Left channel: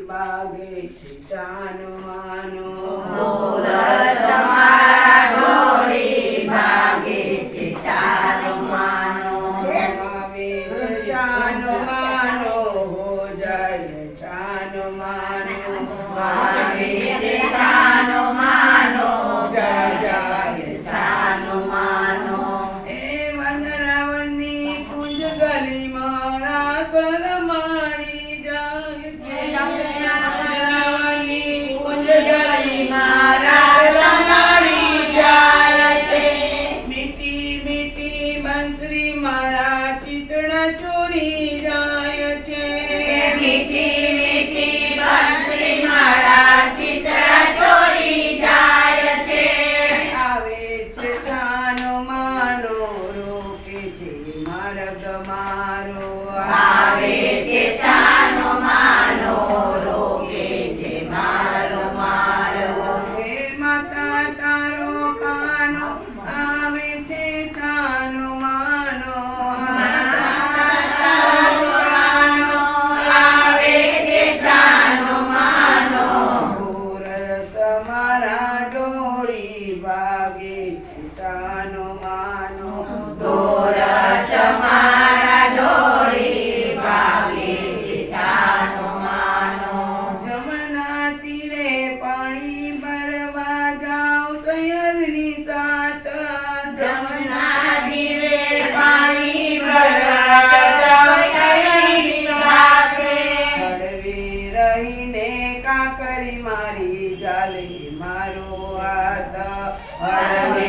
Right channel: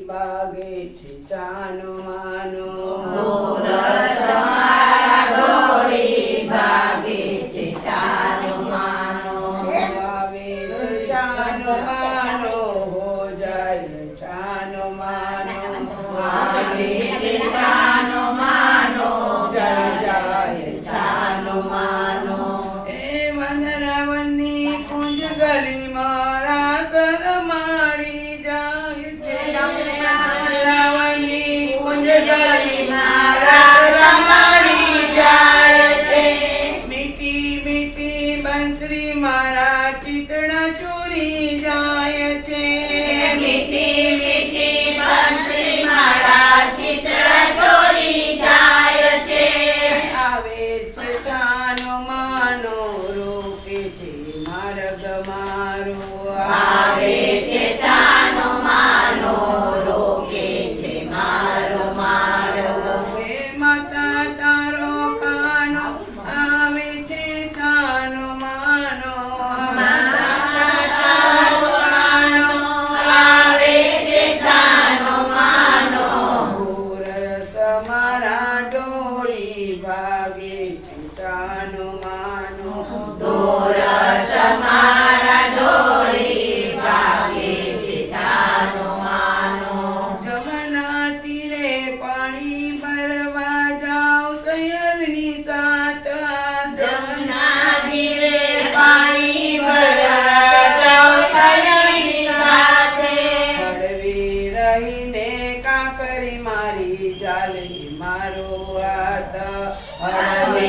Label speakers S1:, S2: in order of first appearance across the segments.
S1: બાગે છે ચાનો આનો
S2: મિસ્ત્રી મારા
S1: ચિતણ ચોરી જાય છે.
S2: મિસ્ત્રી મારા
S1: ડોળી વાગે છૂટાનો માનો. ડોરા સમા વાલી મારો હાથ
S2: હરમે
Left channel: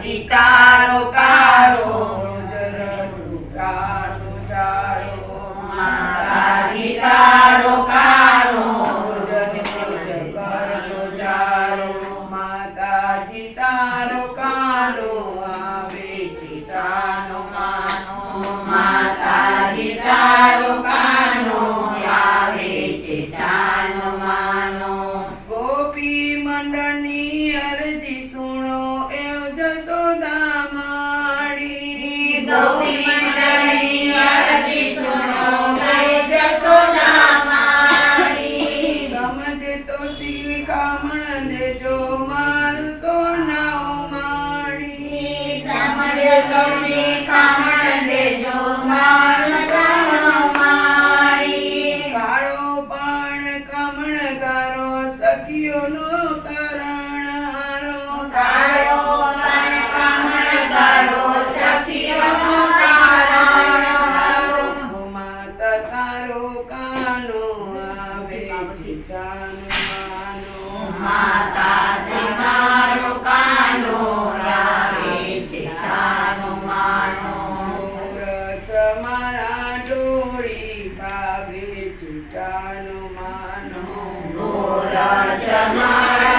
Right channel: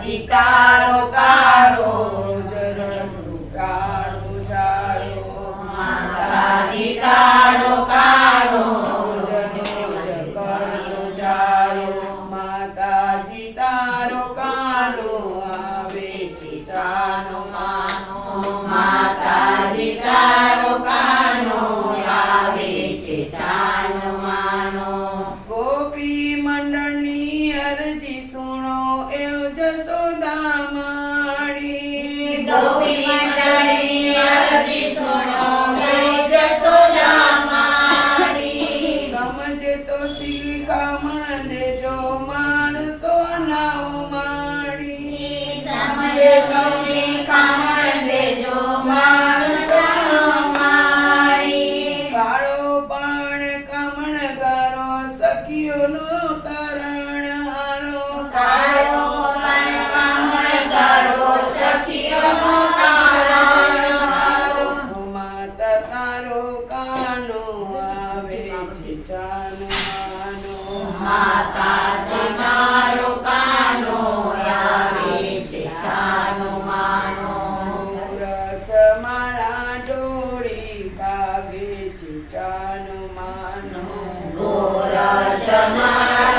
S2: Gita Rotaro.
S1: સમજે તો કામ છે જાનમાનો
S2: માતા મારો કાનો આવે છે જાનમાનો
S1: રસ ભાગે છે જાનમાનો
S2: રસ મારા